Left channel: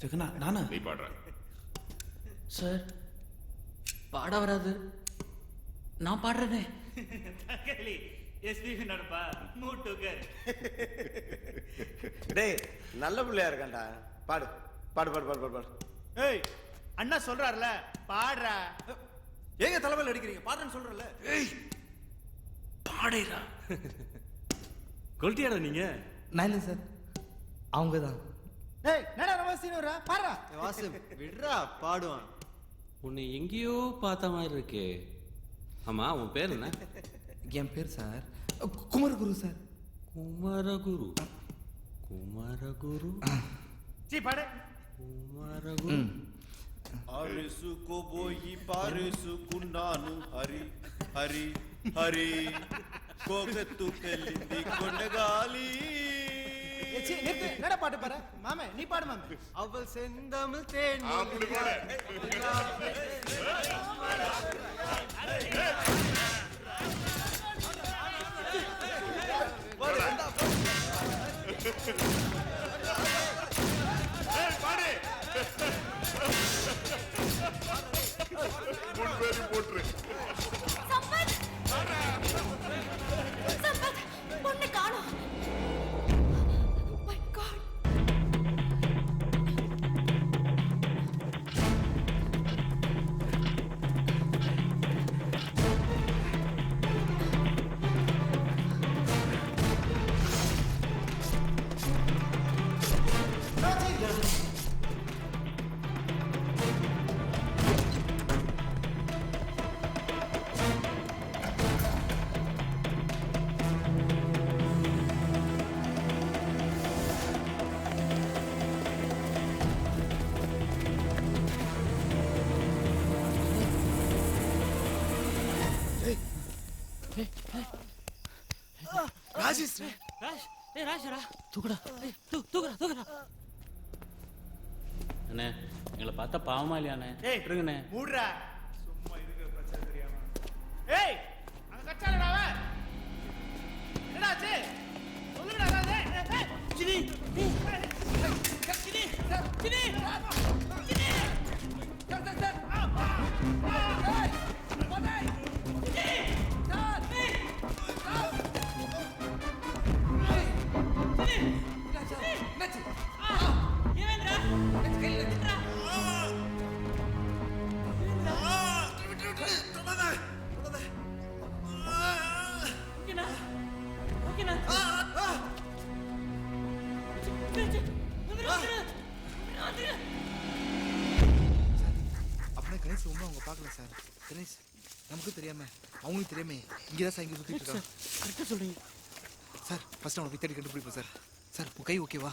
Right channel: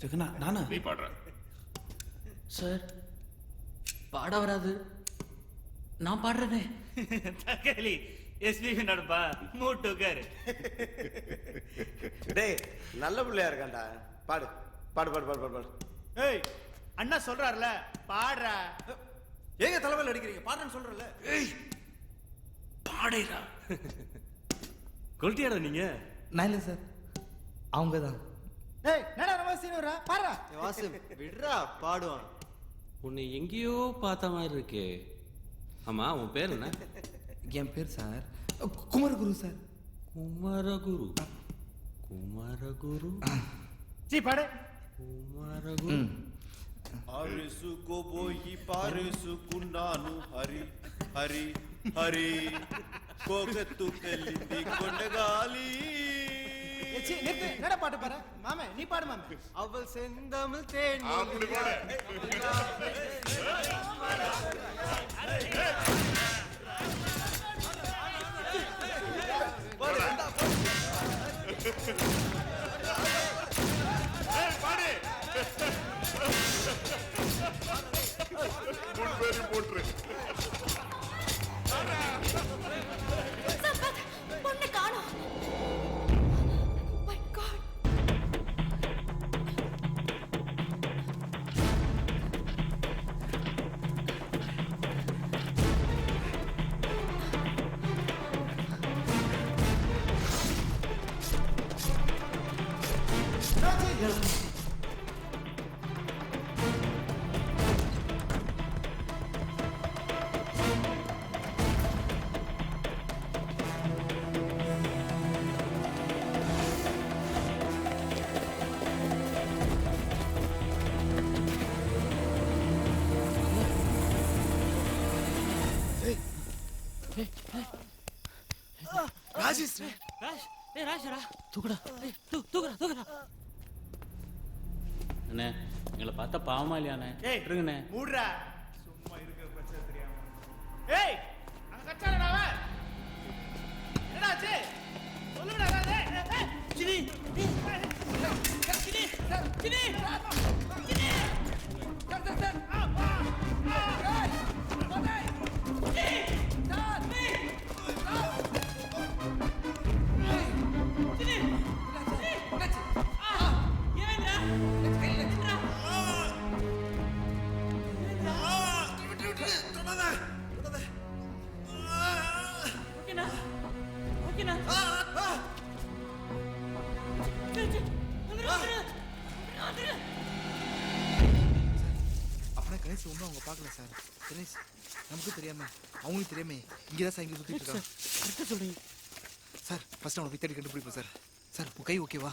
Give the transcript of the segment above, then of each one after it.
ஜெகனா நானா? நீ பாடுற. சார் பாட வராது, நான் பாடுறேனே. தக்காளி எஸ்பிபி நடுப்பா மூட்டுக்காரு. டேய் நல்ல பிள்ளையா இருக்கான்டா. பாடு பாடு பாடு பாடு பாடு பாடு. ஏய் அண்ணா சொல்றாருல பாடுறா. ஏங்க தலைமையில் அடிக்கிறீங்க? பாடுறேன்னு சொல்றல. ஏய் பாடேரா. கொல்ட்டியாடா நீங்க? நான் இல்லை சார், அவங்க தான். ஏய் என்னடா ரொம்ப சீனுரா பாடுறா. வாசு விடுறா பாடுவான். உன்னை எங்கேயோ பார்த்த மாதிரி இருக்கே. ஆமா உன் பேர் என்ன? என் பேர் சார் குமரகுரு சார். குமரகுரு. குமரகுரு. சீ பாடு. குமரகுரு. అరుసుకో పోయి పారేసుకున్నాను హరి హరి హరి కోకెత్తుకెళ్ళింది కొండగాలి. ஏச்சி நிறுத்து. என்னடா பாட்டு பாரு மாமே? நீ பாடு மாமே. அவள் செந்தமிழ் தேன் அப்படி பாடு. பாடு. முன்பேறி போட்டு பொண்ணு காணோம். My God. ராஜேஷ் ராஜ், ஏய் ராஜரா தூக்குடா. ஏய் தூக்குடா தூக்குடா. அண்ணே எங்களை பார்த்தா பாவமா இல்லையாண்ணே? ஏய் இருங்கண்ணே. மூடுறா. சும்மா இருக்கிற பிரச்சனை தெரியாம. ஏய் அங்க கச்சாலடா அவன். என்னடா ஆச்சு? சொல்லுடா அதாவது. சினி சினி சினி சினி. அப்படின்னா கணேஷ் ஒன்றும் அவங்க பார்க்கல சார். கணேஷ் நமக்கு தெரியாம அவங்களுக்கு தெரியாம இங்கே தான் சார் இங்கே சுற்றிட்டு இருக்காங்க. கரெக்டாக சொல்றீங்க சார். ஃபர்ஸ்ட் அவனை போய் தேடி கண்டுபிடிப்போம் சார். சார் உன் கை ஓகேவா?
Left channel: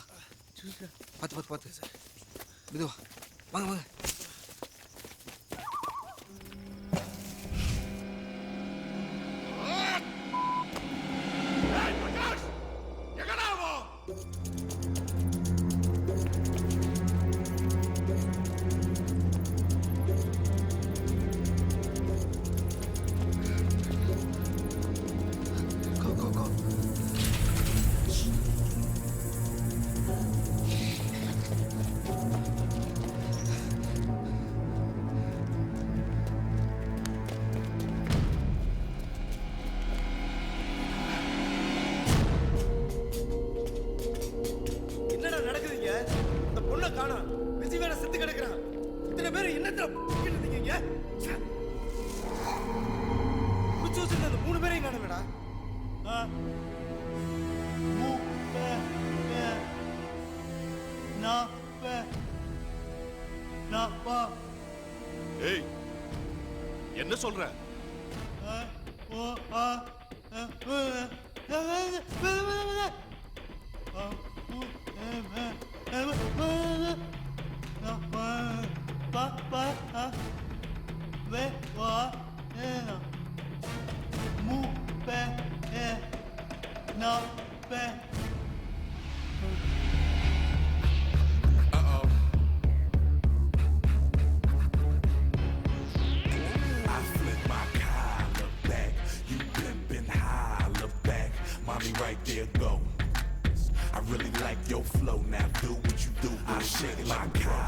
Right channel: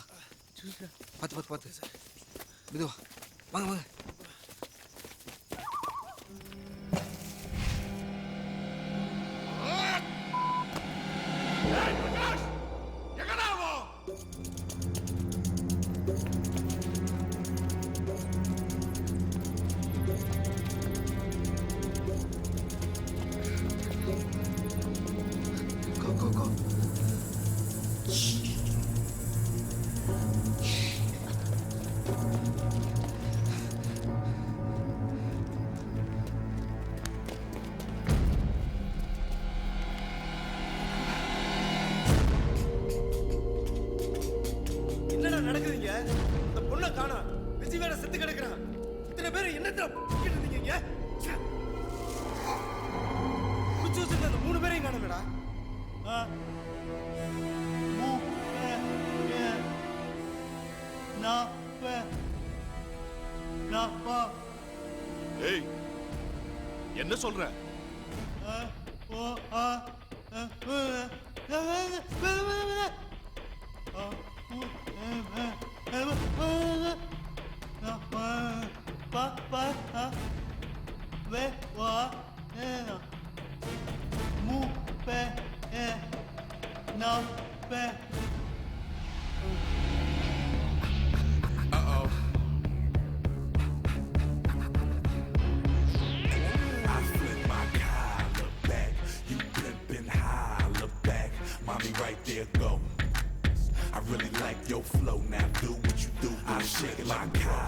பார்த்து பார்த்து பார்த்து சார். மெதுவா வாங்க வாங்க. பிரகாஷ் எங்கடாவோ? Go go go. என்னடா நடக்குதுங்க? அந்த பொண்ணை காணோம். விஜய் வேற செத்து கிடக்குறான். இத்தனை பேர் என்னத்துல இருந்தீங்க இங்க? குச்சி வச்சிருந்த அந்த 3 பேரையும் காணோமேடா. ஏய் என்ன சொல்ற? Mommy right there, go. I really like your flow now. Do what you do. I shake my car.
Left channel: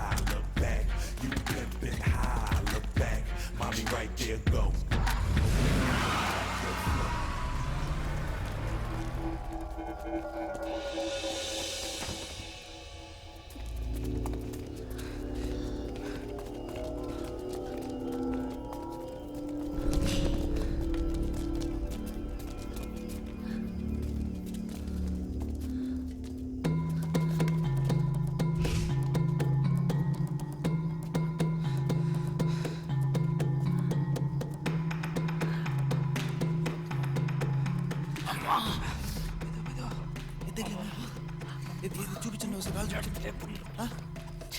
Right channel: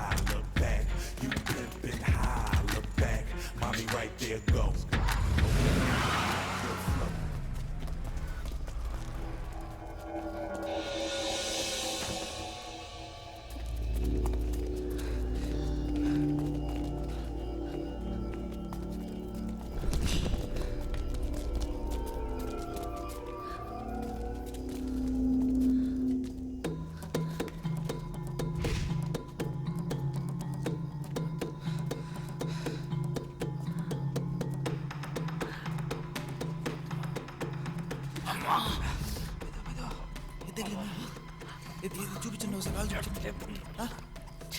తెలియదు ఇది ఇది చూపించండి ఒకసారి కాలు చూపించండి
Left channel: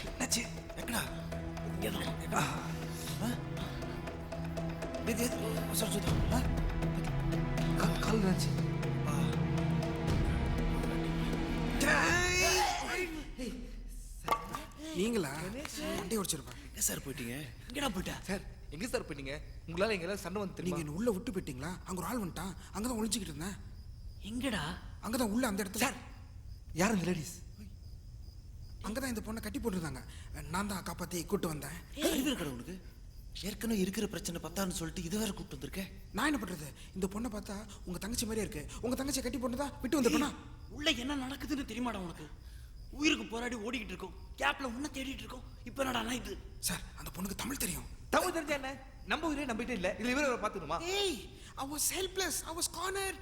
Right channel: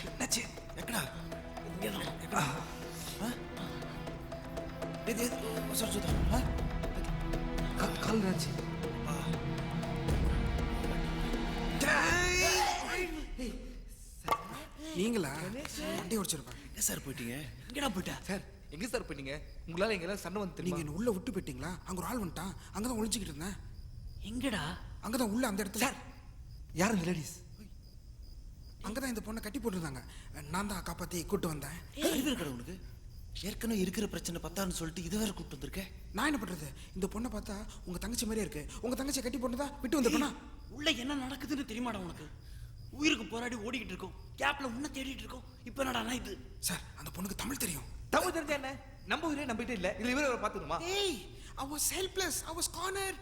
என்னாச்சு ఎక్కడ ఎక్కడ ఇది ఇది ఒకసారి చూద్దాం கால் என்னாச்சு நீங்களா வண்டி ஓடிச்சிருப்பேன் எங்க சார் போயிட்டீங்க எங்கடா போயிட்ட? சார் எங்க சார் போயிட்டீங்க உங்களால எங்கெல்லாம் சண்டை வந்து நீங்க தெரியுமா என்ன உள்ள விட்டு போயிட்டீங்களா அங்க ஒரு ஆள் வந்துட்டான் அங்கதான் ஒளிஞ்சுக்கிட்டு இருந்தேன் எங்கடா? அங்கதான் உள்ள அந்த இடத்துல சார் யார் இந்த லேடிஸ் அங்கதான் இந்த பொண்ணை கட்டி போட்டுருந்தாங்க நான் தான் காப்பாத்தி கூட்டு வந்தேன் அறிவு இருக்கடா உனக்கு ஏற்கனவே இருக்கிற பிரச்சனை பத்தான்னு சொல்லிட்டு இது வேற கூப்பிட்டு வந்திருக்கேன் நான் என்ன பண்றது இந்த பொண்ணை பார்த்தா உங்க தங்கச்சி மாதிரியே இருக்கு உங்க தங்கச்சியை கட்டி போட்டுதான் விட்டு வந்துட்டா உள்ள என்ன நடக்குதுன்னு தெரியுமாடா உனக்கு? உயிருக்கு போராடி ஓடிக்கிட்டு இருக்கோம், கேப்ல உன்னை தேடிட்டு இருக்கோம். இப்ப என்னடா இது? சார் அந்த பொண்ணுக்கு தமிழ் தெரியும். தமிழ் தெரிஞ்சா என்ன நம்ம ஊரே நம்பிட்டே இல்ல இதுல இவரை பாத்துக்கணுமா ஏய் I was helpless I was cornered.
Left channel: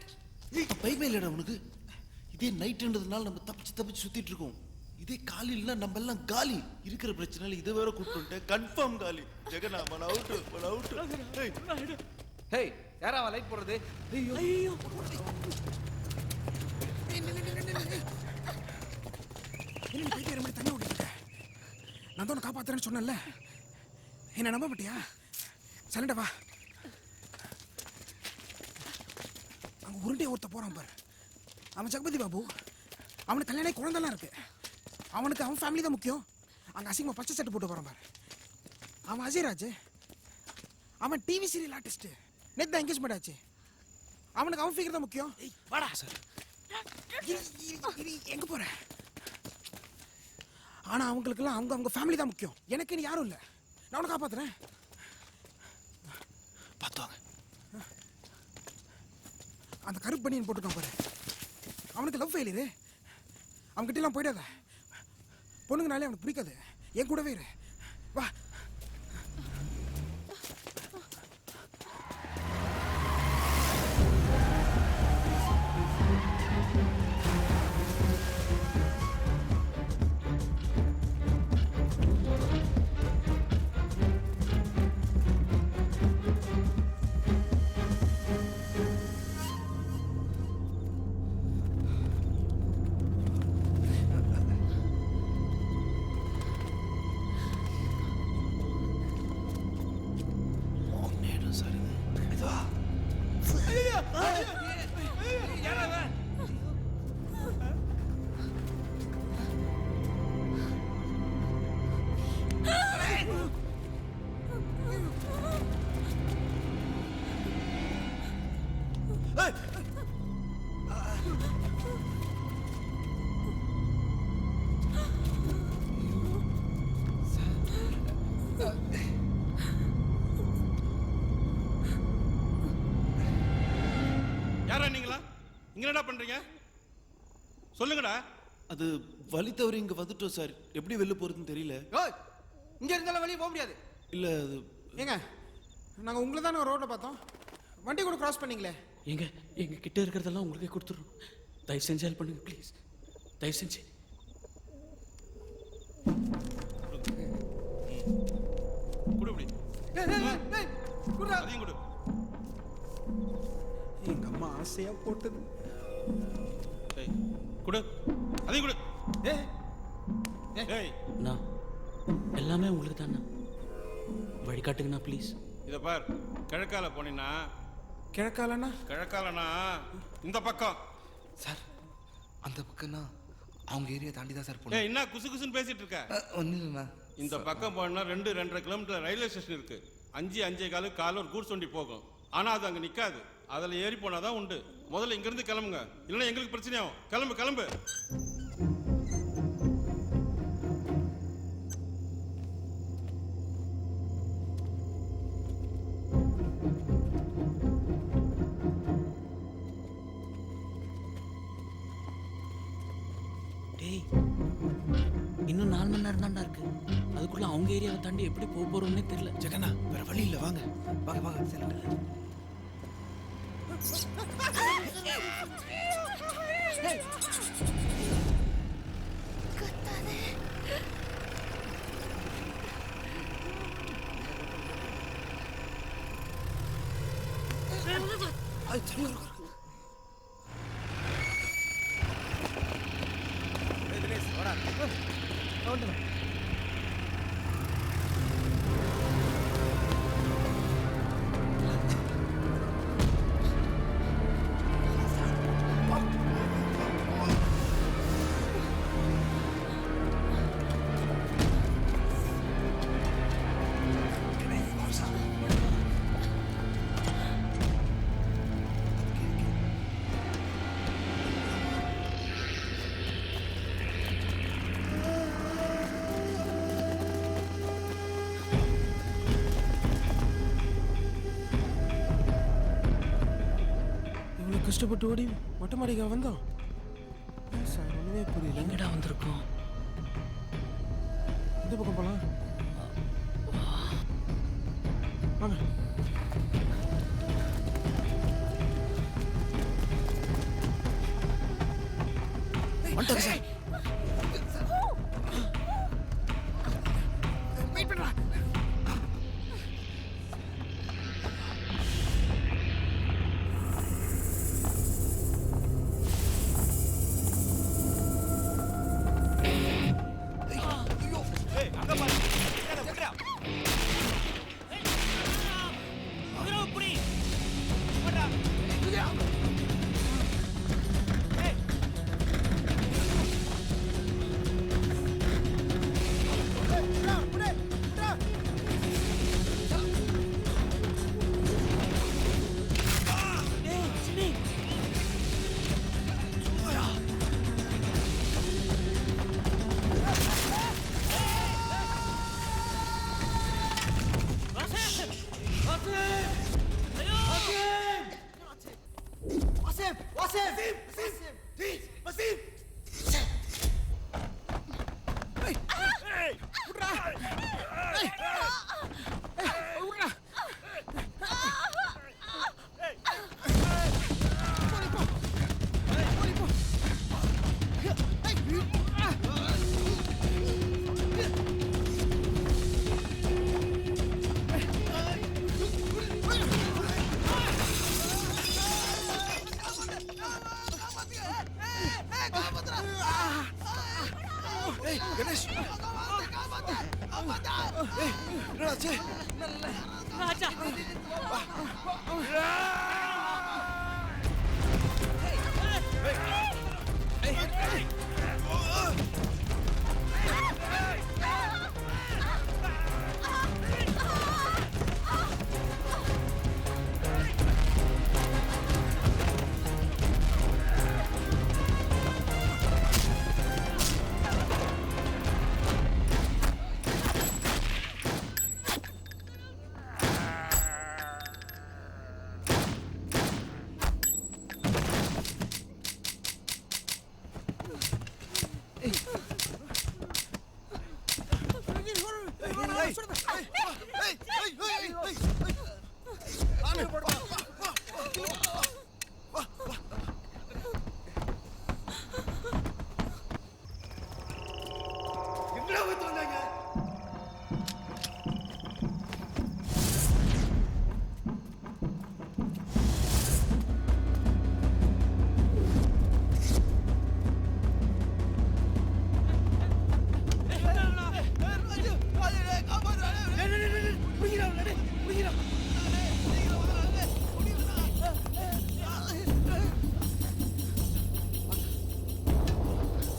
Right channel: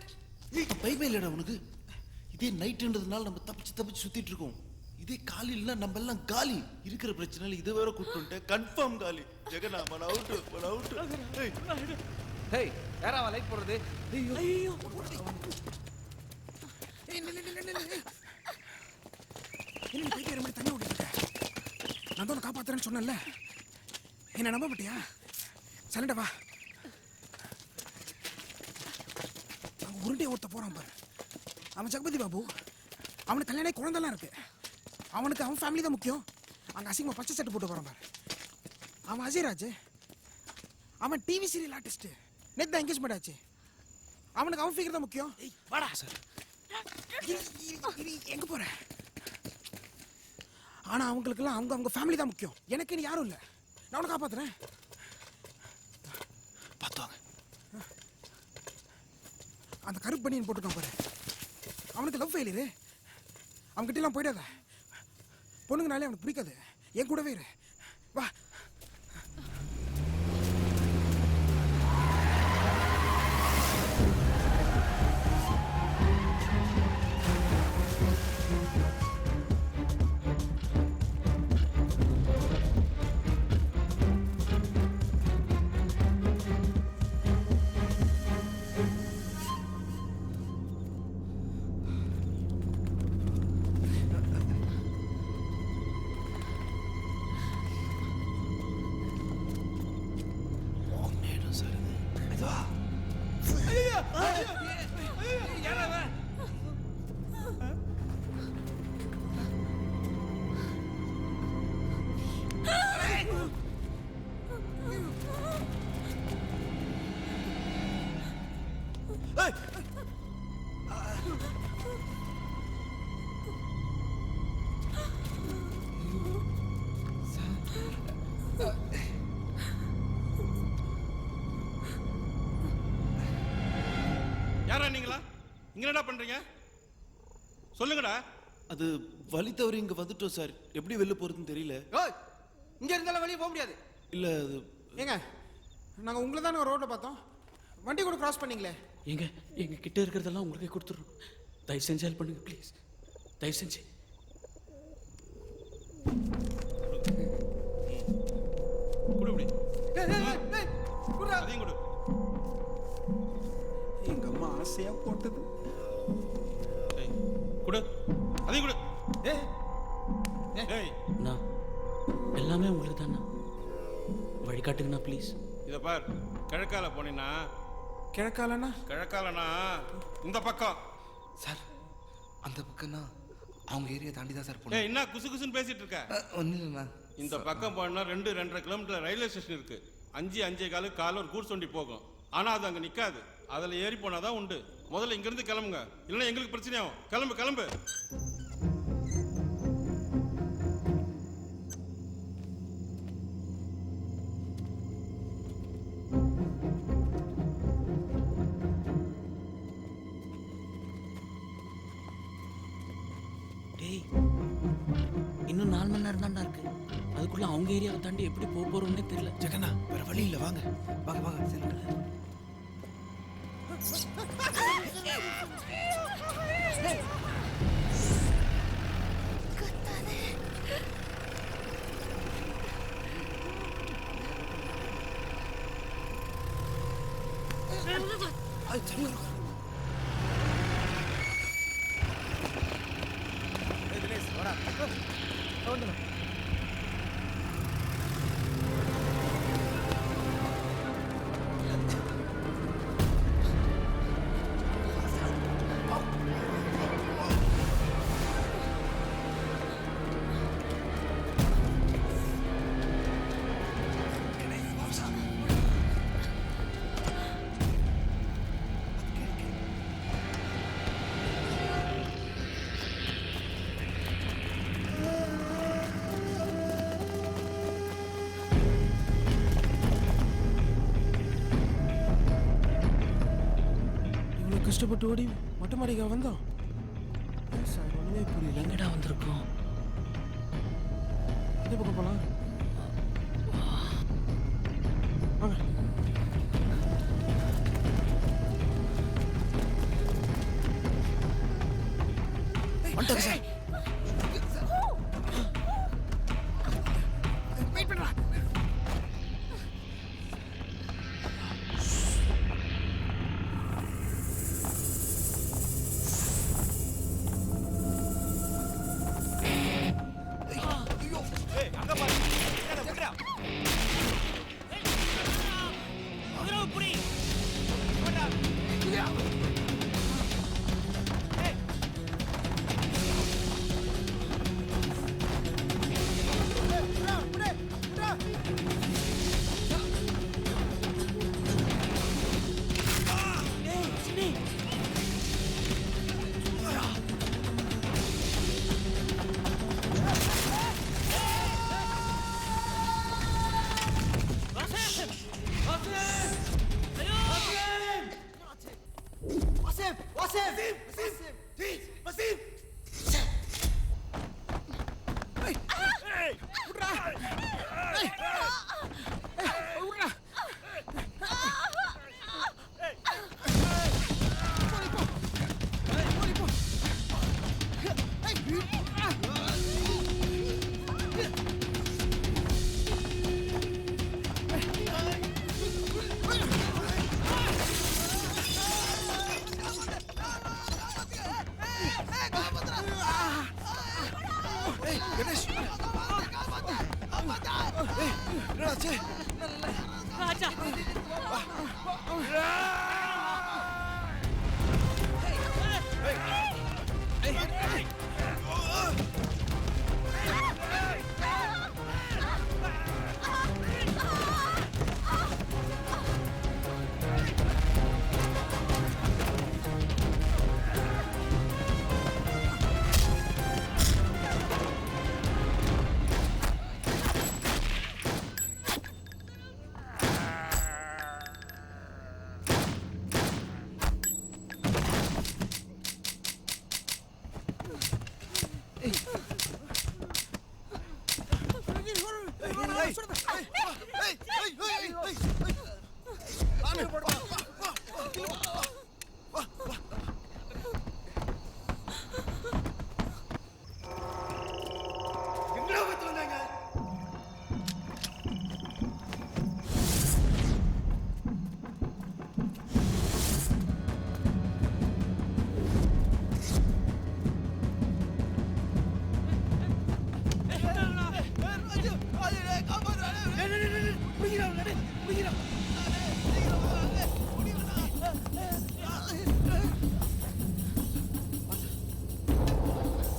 பயமே இல்லடா உனக்கு இதே நைட்ன்றதுனால நம்ம தப்பிச்சு சுத்திட்டு இருக்கோம் இதே காலையில நம்ம எல்லாம் காலி இருக்கிற பிரச்சனைல இதை வேற கூப்பிட்டு கன்ஃபார்ம் காலி ஜெகனா மன அவுட் ஹேய் யாரா அவன் லைட் போடுறது ஐயோ ஐயோ என்ன போயிட்டு வர மாதிரி தண்ணி ஓடிட்டு நான் தான் காப்பாத்துறேன்னு சொன்னேன்ல என்ன நம்ப மாட்டியா சலண்டா வா அங்க உருண்டே ஒருத்த போறான் பாரு அவன் ஜெகபதி பாபு அவனுக்கு கல்யாணம் குழந்தைலாம் இருக்கு அவனுக்கு அவன் ஃபேமிலி தான் முக்கியம் அங்க அசிங்கமா பச்சை சட்டை போட்டு போறான் பாரு அவன் அஜய்ராஜ் அவன் டிவி சீரியல் ஆர்டிஸ்ட் நேத்து தான் என்கேஜ்மெண்ட் ஆச்சு அவனுக்கு அவன் ஃபிகர் தான் முக்கியம் வாடா சார். எங்க போற ஆனா அவங்களுக்கெல்லாம் அவங்க ஃபேமிலி தான் முக்கியம் எனக்கு நீ யாரும் இல்ல நான் உன்னை காப்பாத்துறேன் பார்த்துவாங்க அந்த கருப்பு பனியன் போட்டுக்கான் பாரு அவனுக்கு லவ் ஃபெயிலியரு அவன்கிட்ட எல்லாம் போயிடாத பொண்ணுங்கனாலே அவனுக்கு பிடிக்காது என் கூடவே இரு வா யாரா நீங்களா இங்க என்னடா பண்றீங்க சொல்லுங்கடா. அது வழி தவறி இங்க வந்துட்டோம் சார் எப்படி வெளில போறதுன்னு தெரியல ஓய் இங்க இருந்தாலும் வெளிய போக முடியாது இல்ல அது ஏங்க நாங்க உங்களை தானே ரோட்ல பார்த்தோம் வண்டி கூட கிராஸ் பண்ணீங்களே எங்க கிட்ட இருக்கிறதெல்லாம் உங்களுக்கே கொடுத்துறோம். தயவு செஞ்சு ஹெல்ப் பண்ணுங்க ப்ளீஸ். தயவு செஞ்சு. குடு இப்படி. குடுடா அதையும் குடு. எங்க அம்மா ஆசையா போட்டது ஏய் குடு அதையும் குடு. ஏய் ஏய் நான் எல்லாமே உங்களுக்கு தானே. வழிகாட்டுங்கண்ணா ப்ளீஸ். இத பார், கிழக்கால போனீன்னா கிழக்காலண்ணா கிழக்காலனா இந்த பக்கம். சார் அந்த பக்கம்னா அவங்க ஏரியா தாண்டி தான் சார் ஏய் போகணும் என்ன குசு குசுன்னு பேசிட்டு இருக்க? ஒன்றும் இல்லைண்ணா இந்த பக்கம் போனா 2-2.5 கிலோமீட்டர் ரயில்வே ஸ்டேஷன் இருக்கு. 5-5 கால ஒரு கூட்ஸ் வண்டி போகும். ஆனா அது அங்க நிக்காது. அதுல ஏறி போனாதான் உண்டு. முதல்ல இங்க இருந்து கிளம்புங்க, இல்லைன்னா எங்களுக்கு பிரச்சனையாகும். கிளம்பு கிளம்பு. டேய் இன்னும் 4 மணி நேரம் தான்டா இருக்கு. அதுக்குள்ள அவங்க ஏரியாவை தாண்டி எப்படி போக போறோம்னே தெரியல. ஜெகனா வேற வழி இல்ல வாங்க வாங்க வாங்க செல்லுங்க கஷ்டப்பட்டு ஓடி மொட்டை மாடிக்கா வந்தோம் சார் ஒண்ணுமே புரியல. எங்கடா வந்திருக்கோம்? இந்த பக்கம் போலாம் வாங்க. வந்துட்டாங்க சார். வெயிட் பண்றா. கணேஷ் என்னாச்சு? ராஜா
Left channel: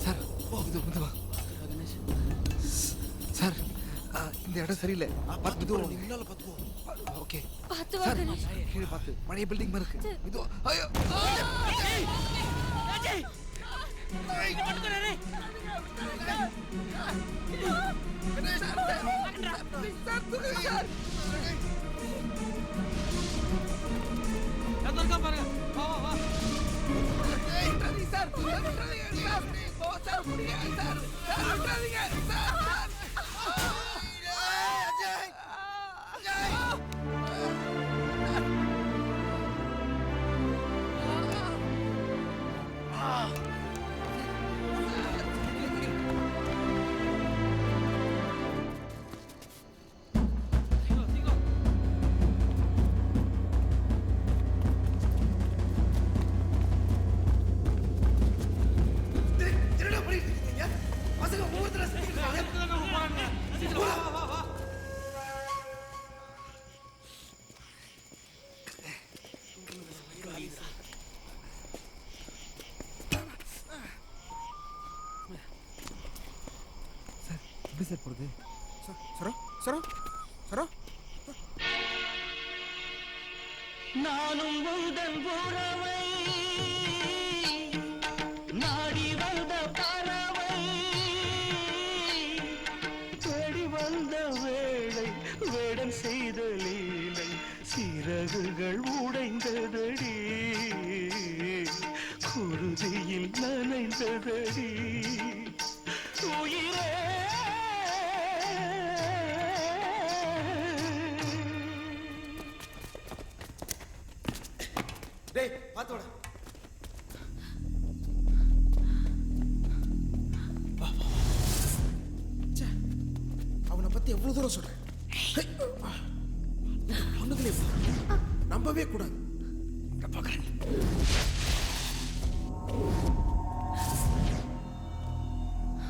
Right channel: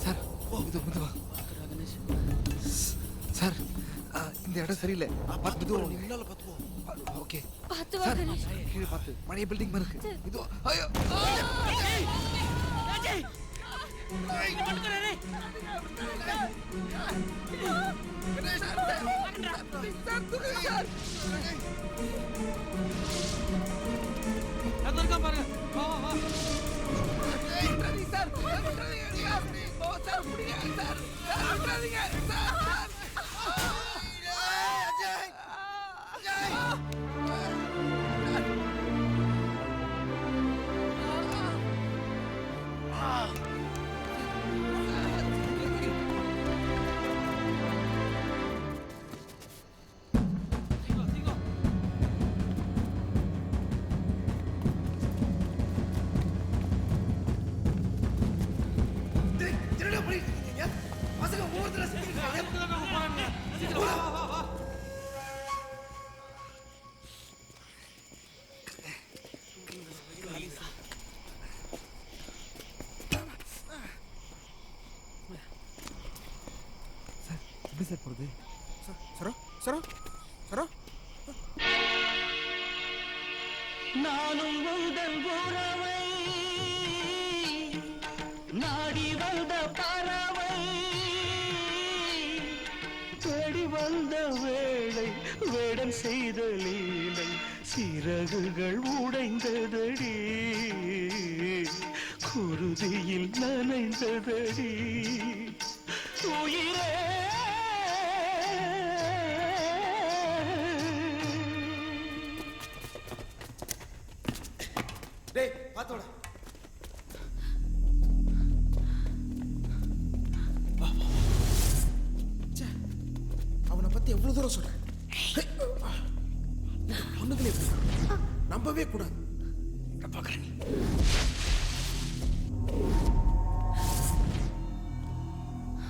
சார் சார் இந்த இடம் சரியில்லை. பார்த்து மெதுவா நீ முன்னால பாத்துக்கோ. ஓகே பார்த்து வா கணேஷ். கீழே பார்த்து பழைய பில்டிங் மாதிரி இருக்கு. மெதுவா. ஐயோ ராஜே பட்டுக்கறே அது இருக்கா பாருங்க. வா வா வா. சீக்கிரம் சீக்கிரம். என்னடா பண்ணிட்டு இருக்கீங்க? பசங்க ஒவ்வொருத்தர சுத்திட்டு இருக்காங்க. சீக்கிரம் வா வா வா வா. சார் எப்படி சார் போகிறது? சரோ சரோ சரோ நானும் உங்கள் உறவை நாடி வந்த பறவை தேடி வந்த வேளை வேடம் செய்த லீலை சிறகுகள் உடைந்ததடி குருதியில் நனைந்ததடி உயிரே டேய் பாத்தோட ச்சே, அவனை பத்தி எவ்வளவு தூரம் சொல்றேன். ஹே, இந்த பொண்ணுங்களே எப்படி நம்பவே கூடாது. இங்க பாக்குறேன் நீ.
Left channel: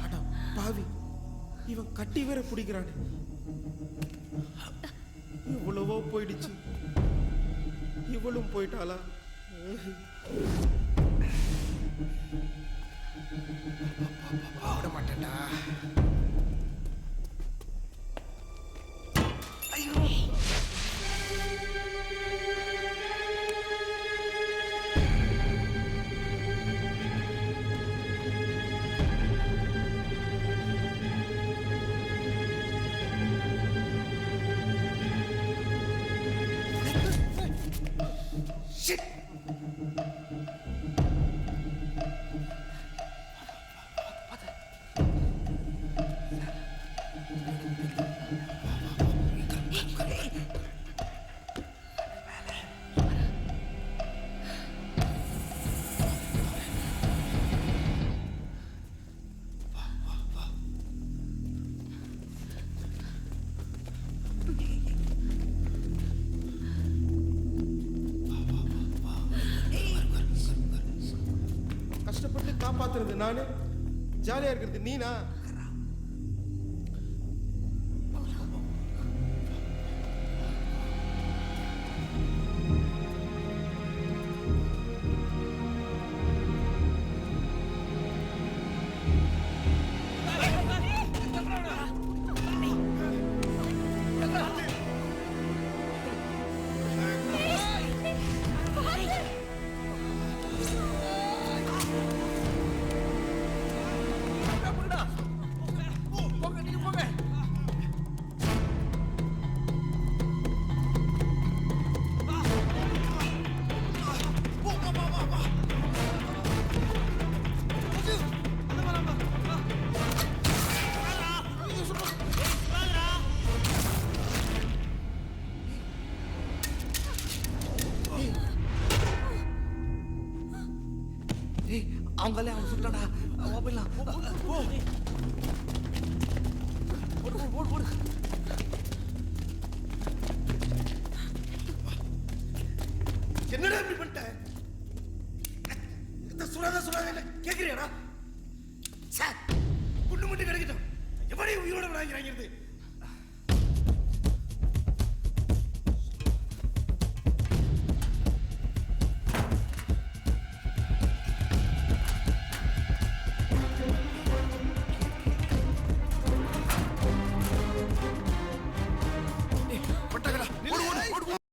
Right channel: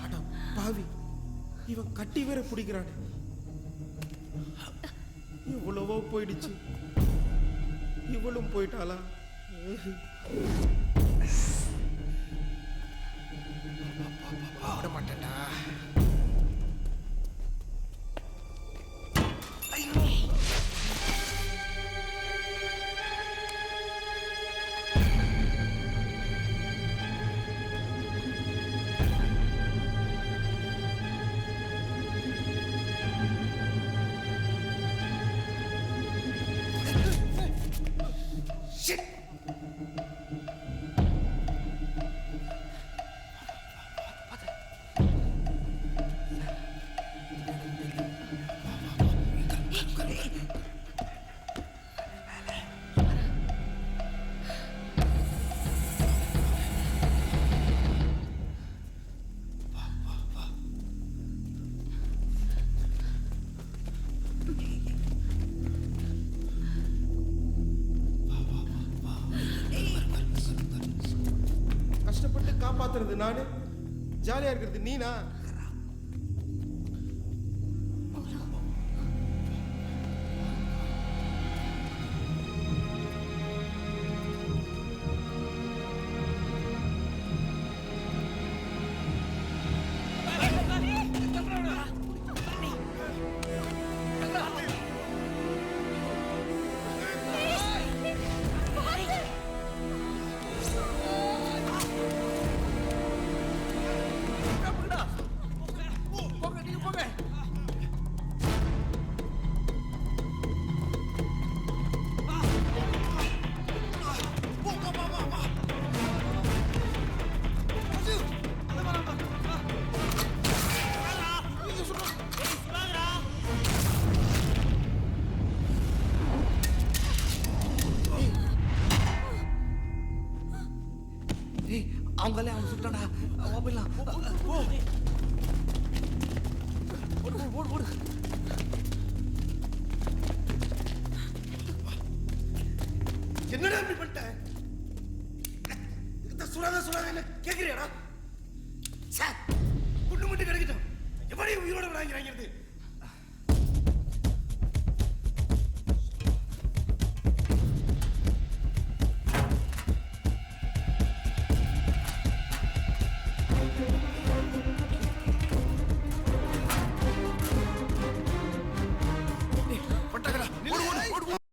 அட பாவி, இவன் கட்டி வேற பிடிக்கிறானே. இவ்வளவோ போயிடுச்சு, இவளும் போயிட்டாளா? விட மாட்டேன்டா. ஐயோ, shit. கஷ்டப்பட்டு காப்பாத்துறது நானு, ஜாலியா இருக்கிறது நீனா? அவங்களே அவன் சுட்டாடா. போயிடலாம். ஓடு. என்னடா இப்படி பண்ணிட்ட? இந்த சுடாத என்ன கேக்குறியாடா? குண்டு மட்டும் கிடைக்கட்டும், எப்படி உயிரோட வாங்கிறாங்கிறது?